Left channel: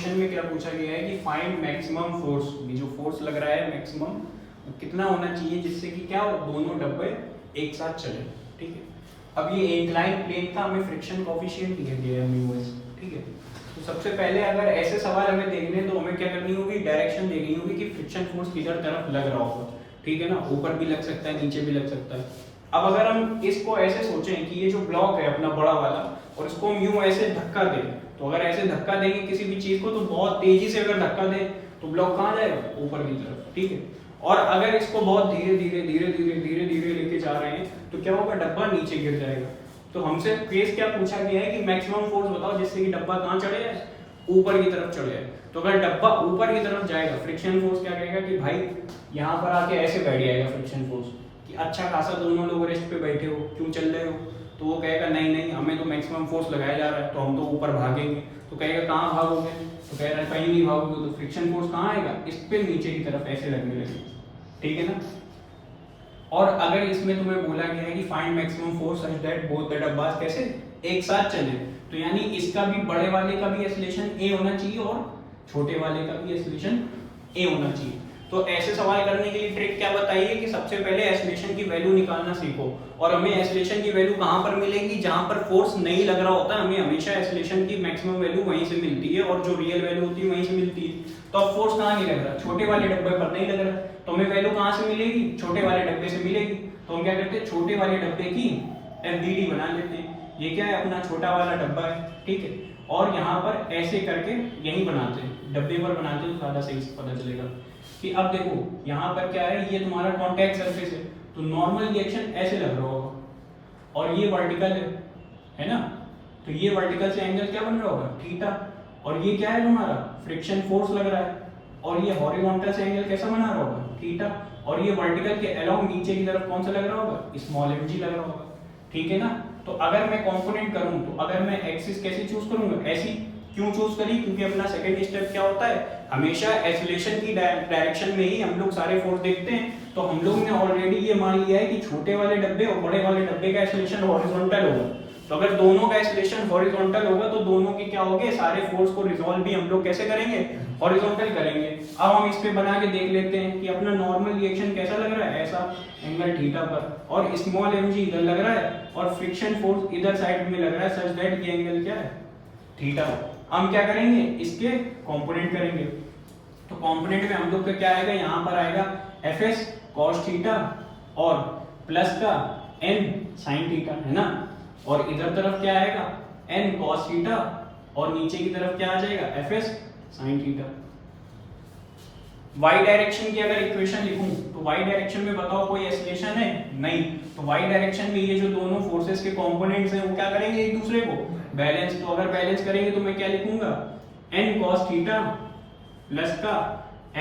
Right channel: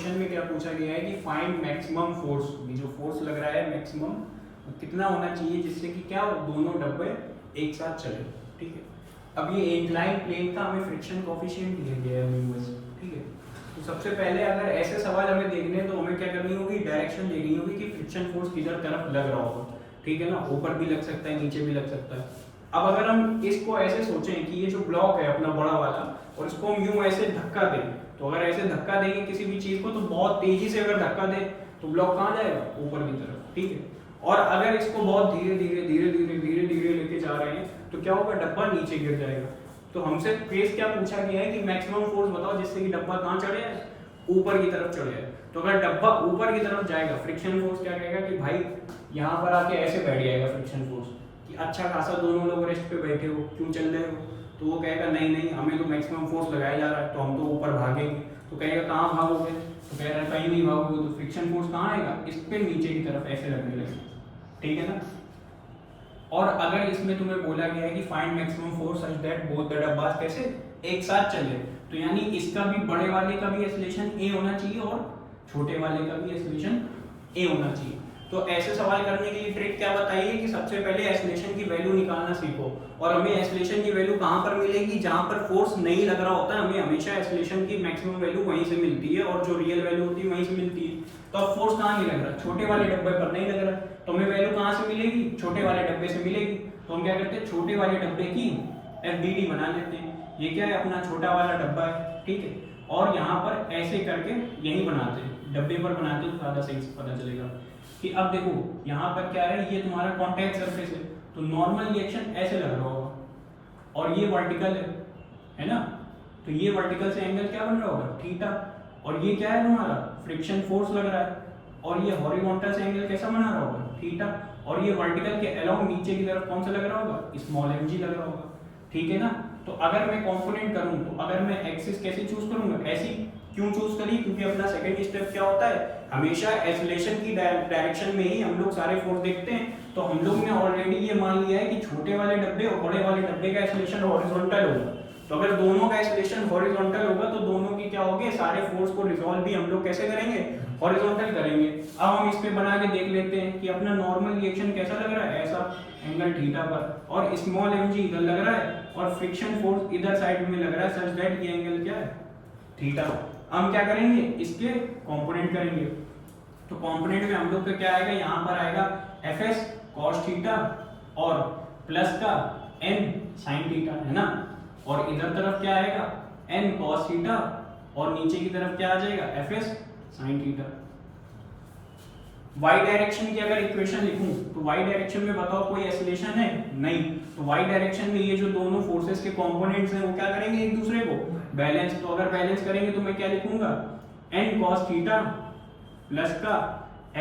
Question में क्या पूछा गया है कि फाइंड मैक्सिमम फोर्स, ये जो फोर्स लग रहा है मैक्सिमम कितना होना चाहिए जिससे कि क्या दोनों डब्बे एक साथ चले। ठीक है, अब ये इंक्लाइन प्लेन का हमें फ्रिक्शन कोएफिशिएंट दिया गया है म्यू एस। ठीक है, तो सबसे पहले अगर ऐसे सवाल हमें देखने हैं तो हमें क्या करनी होगी, डायरेक्शन देखनी होगी कि फ्रिक्शन फोर्स किधर तरफ लग रहा होगा। ठीक है ना, ऊपर भी लग सकता है, नीचे भी लग सकता है। अब अगर हम इसको ऐसे सोचें कि ये जो ब्लॉक है अपना बड़ा वाला और इसको हम यूं ऐसे धक्का दें, तो अगर ऐसे धक्का देंगे किसी भी चीज को तो बहुत तेजी से अगर धक्का दें तो ब्लॉक कहाँ जाएगा, ऊपर की तरफ। ठीक है, और अगर इसको बहुत धीरे धीरे धीरे धीरे धीरे धीरे लेके जा रहे हैं तो क्या होगा, डब्बा नीचे गिर जाएगा। तो हमसे केस क्या पूछा गया है कि मैक्सिमम फोर्स बताओ जिससे कि डब्बा कहाँ चढ़े जाए, ऊपर की तरफ चढ़े जाए। तो अगर डब्बा ऊपर की तरफ जाएगा, फ्रिक्शन फोर्स क्या कहेगा कि भाई यहाँ पर आके ऐसे बैठ जाएगा फ्रिक्शन फोर्स कि अच्छा खासा दोनों लोग रेस्ट पे बैठे हो, क्यों चल रहे हो। तो वो कहेगा नहीं नहीं, हमें तो मैक्सिमम फोर्स लगाया जा रहा है तो हम तो ऊपर भागेंगे। तो कहेगा कहाँ भागोगे, तो कह रहा है कहीं नहीं भागोगे। तो फ्रिक्शन फोर्स कहाँ आएगा, इस पे नीचे की तरफ ऐसे लगने लगेगा। ठीक है ना। और अगर इसमें तुम्हें बोला गया है कि find maximum force such that both the डब्बास कैसे एक साथ चले, तो यानी इसका भी बड़े वाले का भी एक्सेलरेशन ए होना चाहिए और छोटे वाले का भी एक्सेलरेशन ए होना चाहिए। तो ऐसे सवाल करने के लिए ट्रिक क्या बताइए कि सबसे पहले एक्सेलरेशन की वैल्यू निकालना सीखो। और हमें एक्सेलरेशन की वैल्यू कहाँ पर मिलेगी, जहाँ पर फोर्स नहीं लग रहा होता है हमें हमेशा एक्सेलरेशन की मैक्सिमम वैल्यू वहीं से मिलती है और जो रियल वैल्यू होती है वहीं से मिलती है। तो अब फोर्स कहाँ नहीं लग रहा, छोटे वाले डब्बे पर नहीं लग रहा, तो हमें वैल्यू कहाँ से मिलेगी, छोटे वाले डब्बे से मिलेगी। तो हम क्या करते हैं, छोटे वाले डब्बे की एफडीडी बना लेते हैं। ये क्या है, अपना छोटा वाला डब्बा है। ठीक है, और यहाँ पर ऐसे करके यही बनाते हैं, डब्बे पर बनाते हैं तो ज्यादा सही से पता चलेगा कि अब देखो यहाँ पर क्या है, ये तुम्हारा कॉन्टैक्ट सरफेस है तो नॉर्मल रिएक्शन ऐसे लग रहा होगा, और ये वर्टिकल है ना, तो ये वर्टिकल से एंगल क्या बन रहा होगा, थीटा। और ये क्या है तुम्हारा फ्रिक्शन फोर्स लग रहा है, और ये हॉरिजॉन्टल से एंगल कैसा बना रहा होगा, थीटा। और ये वर्टिकल के अलोंग नीचे की तरफ कौन सा लग रहा होगा, स्मॉल एम जी लग रहा होगा। ठीक है ना। तो अगर मैं कंपोनेंट करूं तो अगर मैं एक्सिस कैसे चूज करूंगा, ऐसी क्यों चूज करी, क्योंकि अपना सेकंड स्टेप क्या होता है, हमेशा एक्सेलरेशन की डायरेक्शन में ही हम लोग सारे फोर्स देखते हैं। तो हम लोग ने ऑलरेडी ये मान लिया है कि छोटे वाले डब्बे और बड़े वाले डब्बे का एक्सेलरेशन हॉरिजॉन्टल होगा। तो अगर दोनों का एक्सेलरेशन हॉरिजॉन्टल होगा तो दोनों की क्या होगी, सारे फोर्स को रिजॉल्व भी हम लोग कैसे करेंगे, हॉरिजॉन्टल करेंगे। अब हम इस पे बना के देख लेते हैं कि अपना नॉर्मल रिएक्शन कैसा लग रहा है, ऐसा एंगल थीटा पर, और स्मॉल एम जी इधर लग रहा है और फ्रिक्शन फोर्स इधर साइड में लग रहा है, सच दैट ये एंगल क्या है, थीटा। हम क्या करेंगे, इसके कंपोनेंट करेंगे। तो कंपोनेंट में हम लोग का क्या आएगा, यहाँ पर आएगा एफ एस कॉस थीटा और प्लस का एन साइन थीटा, है ना। और इधर तरफ क्या आएगा, एन कॉस थीटा, और नीचे की तरफ क्या आ जाएगा, F S sine theta. y direction की अगर इक्वेशन लिखूं तो y डायरेक्शन में बताओ कोई एक्सेलरेशन है, नहीं। तो y डायरेक्शन में ये जो दोनों फोर्सेस के कंपोनेंट्स हैं वो क्या करेंगे, एक दूसरे को बैलेंस। तो अगर बैलेंस करेंगे तो मैं क्या लिखूंगा, n cos थीटा प्लस का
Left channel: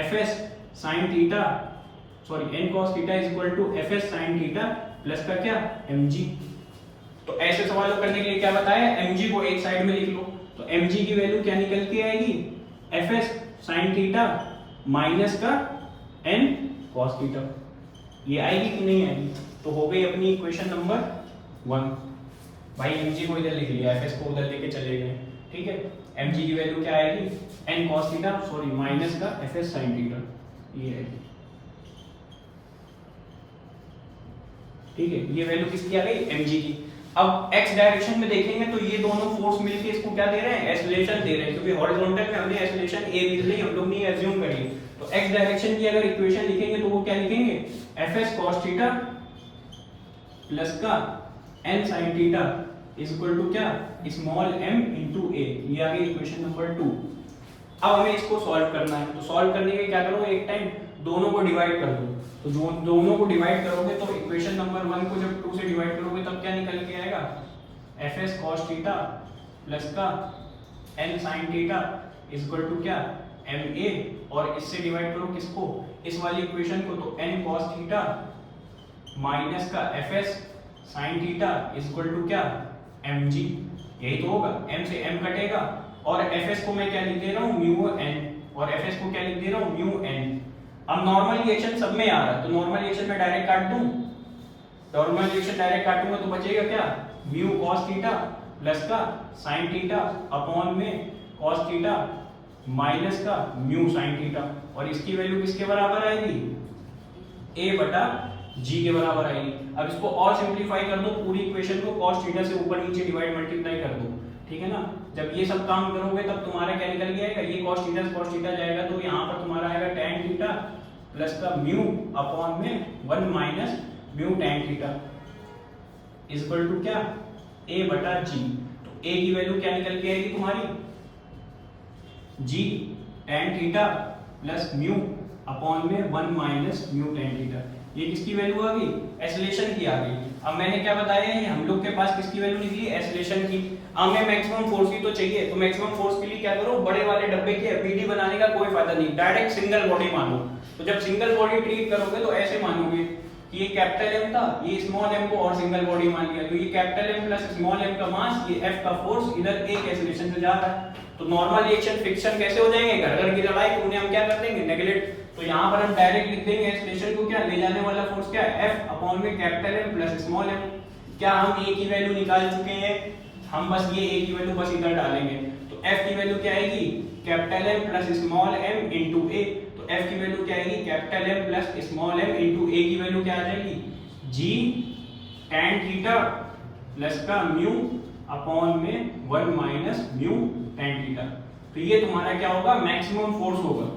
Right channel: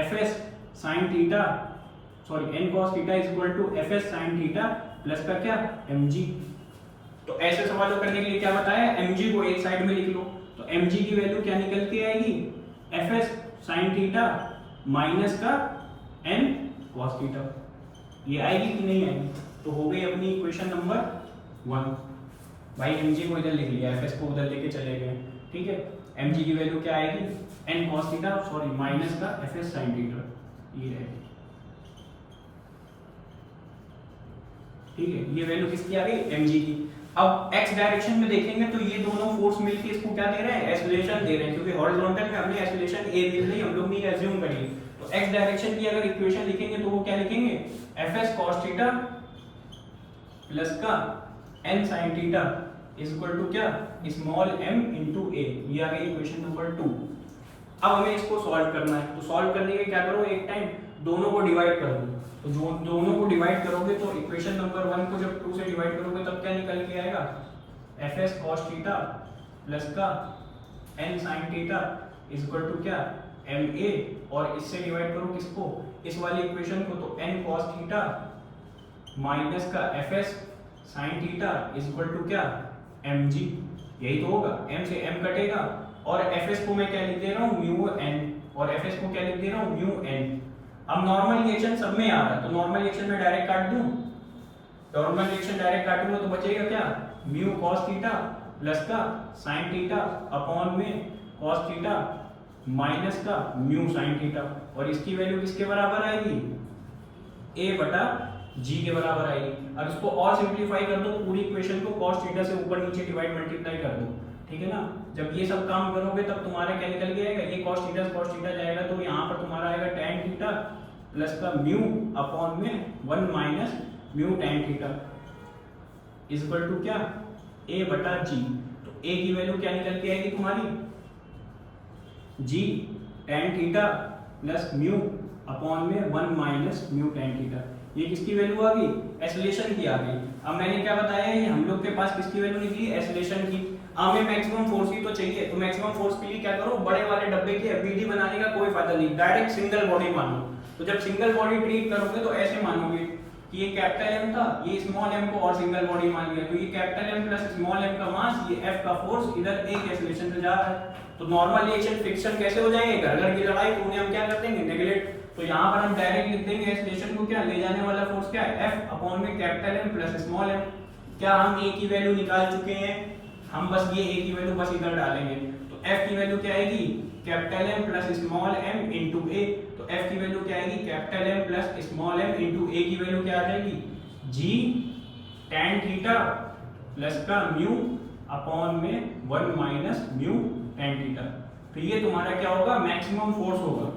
fs sin theta, sorry n cos theta is equal to fs sin theta plus का क्या, mg। तो ऐसे सवालों करने के लिए क्या बताया, mg को एक साइड में लिख लो। तो mg की वैल्यू क्या निकल के आएगी, fs sin थीटा माइनस का n cos थीटा। ये आएगी कि नहीं आएगी, तो हो गई अपनी इक्वेशन नंबर 1। भाई mg को इधर लिख लिया, fs को उधर लेके चले गए। ठीक है, mg की वैल्यू क्या आएगी, n cos theta, sorry minus का fs sin थीटा, ये आएगी। ठीक है, ये वैल्यू किसकी आ गई, mg की। अब x डायरेक्शन में देखेंगे तो ये दोनों फोर्स मिलके इसको क्या दे रहे हैं, एक्सेलरेशन दे रहे हैं, क्योंकि हॉरिजॉन्टल में हमने एक्सेलरेशन a दी नहीं, हम लोग ने अज्यूम करी। तो x डायरेक्शन की अगर इक्वेशन लिखेंगे तो वो क्या लिखेंगे, fs cos थीटा प्लस का n sin theta is equal to क्या, स्मॉल m इनटू a। ये आ गई इक्वेशन नंबर 2। अब हमें इसको सॉल्व करना है, तो सॉल्व करने के क्या करो, एक टाइम दोनों को डिवाइड कर दो। तो जो दोनों को डिवाइड करोगे तो इक्वेशन नंबर 1 को जब 2 से डिवाइड करोगे तब क्या निकल के आएगा, fs cos थीटा प्लस का n sin theta is equal to क्या, ma। और इससे डिवाइड करो किसको, इस वाली इक्वेशन को, तो n cos थीटा माइनस का fs sin theta is equal to क्या, mg। यही तो होगा, m से m कटेगा और fs को मैं क्या लिख दे रहा हूँ, म्यू n, और fs को क्या लिख दे रहा हूँ, म्यू n। अब नॉर्मल रिएक्शन सब में आ रहा है तो नॉर्मल रिएक्शन में डायरेक्ट काट दूं, नॉर्मल रिएक्शन डायरेक्ट काटूंगा तो बचेगा क्या, म्यू cos थीटा प्लस का sin थीटा अपॉन में cos थीटा माइनस का म्यू साइन थीटा, और इसकी वैल्यू किसके बराबर आएगी, a बटा g के बराबर आएगी। अब इसको और सिंपलीफाई कर दो, पूरी इक्वेशन को cos थीटा से ऊपर नीचे डिवाइड मल्टीप्लाई कर दो, ठीक है ना। जब ये सब काम करोगे तब तुम्हारा क्या निकल के आएगा, ये cos थीटा से cos थीटा जाएगा तो यहाँ पर तुम्हारा आएगा tan थीटा प्लस का म्यू अपॉन में 1 minus mu tan theta is equal to क्या, a बटा g। तो a की वैल्यू क्या निकल के आएगी तुम्हारी, g tan theta plus mu upon में 1 माइनस म्यू tan थीटा। ये किसकी वैल्यू आ गई, एसलेशन की आ गई। अब मैंने क्या बताया, ये हम लोग के पास किसकी वैल्यू निकली, एसलेशन की। हमें मैक्सिमम फोर्स की तो चाहिए, तो मैक्सिमम फोर्स के लिए क्या करो, बड़े वाले डब्बे की एफबीडी बनाने का कोई फायदा नहीं, डायरेक्ट सिंगल बॉडी मानो। तो जब सिंगल बॉडी ट्रीट करोगे तो ऐसे मानोगे कि ये कैपिटल एम था, ये स्मॉल एम को और सिंगल बॉडी मान लिया, तो ये capital M plus small M का मास, ये एफ का फोर्स इधर एक एसलेशन से जा रहा है। तो नॉर्मल रिएक्शन फ्रिक्शन कैसे हो जाएंगे, घर घर की लड़ाई, तो उन्हें हम क्या कर देंगे, नेगलेक्ट। तो यहाँ पर हम डायरेक्ट लिख देंगे एसलेशन को, क्या ले जाने वाला फोर्स क्या है, एफ अपॉन में capital M plus small M. क्या हम ए की वैल्यू निकाल चुके हैं, हम बस ये ए की वैल्यू बस इधर डालेंगे। तो एफ की वैल्यू क्या आएगी, capital M plus small M into A. तो एफ की वैल्यू क्या आएगी, capital M plus small M into A की वैल्यू क्या आ जाएगी, जी tan थीटा प्लस का म्यू अपॉन में 1 माइनस म्यू tan थीटा। तो ये तुम्हारा क्या होगा, मैक्सिमम फोर्स होगा,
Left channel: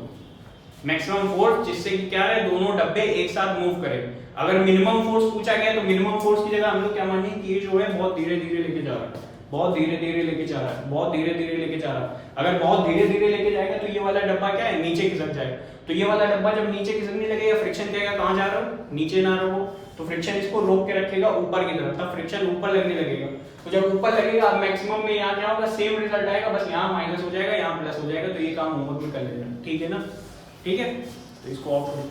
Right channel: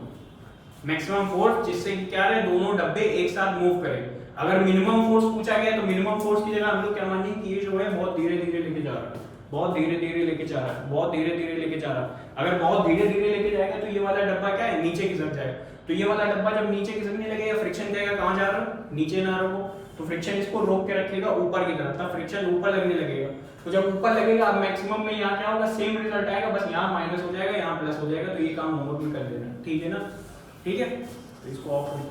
मैक्सिमम फोर्स जिससे कि क्या है, दोनों डब्बे एक साथ मूव करें। अगर मिनिमम फोर्स पूछा गया तो मिनिमम फोर्स की जगह हम लोग क्या मानेंगे कि ये जो है बहुत धीरे धीरे लेके जा रहा है, बहुत धीरे धीरे लेके जा रहा है, बहुत धीरे धीरे लेके जा रहा है। अगर बहुत धीरे धीरे लेके जाएगा तो ये वाला डब्बा क्या है, नीचे खिसक जाएगा। तो ये वाला डब्बा जब नीचे खिसकने लगेगा, फ्रिक्शन जाएगा कहाँ जा रहा है, नीचे ना रहो, तो फ्रिक्शन इसको रोक के रखेगा ऊपर की तरफ, तब फ्रिक्शन ऊपर लगने लगेगा। तो जब ऊपर लगेगा, अब मैक्सिमम में यहाँ क्या होगा, सेम रिजल्ट आएगा, बस यहाँ माइनस हो जाएगा, यहाँ प्लस हो जाएगा। तो ये काम होमवर्क में कर लेना, ठीक है ना, ठीक है। तो इसको ऑफ करो।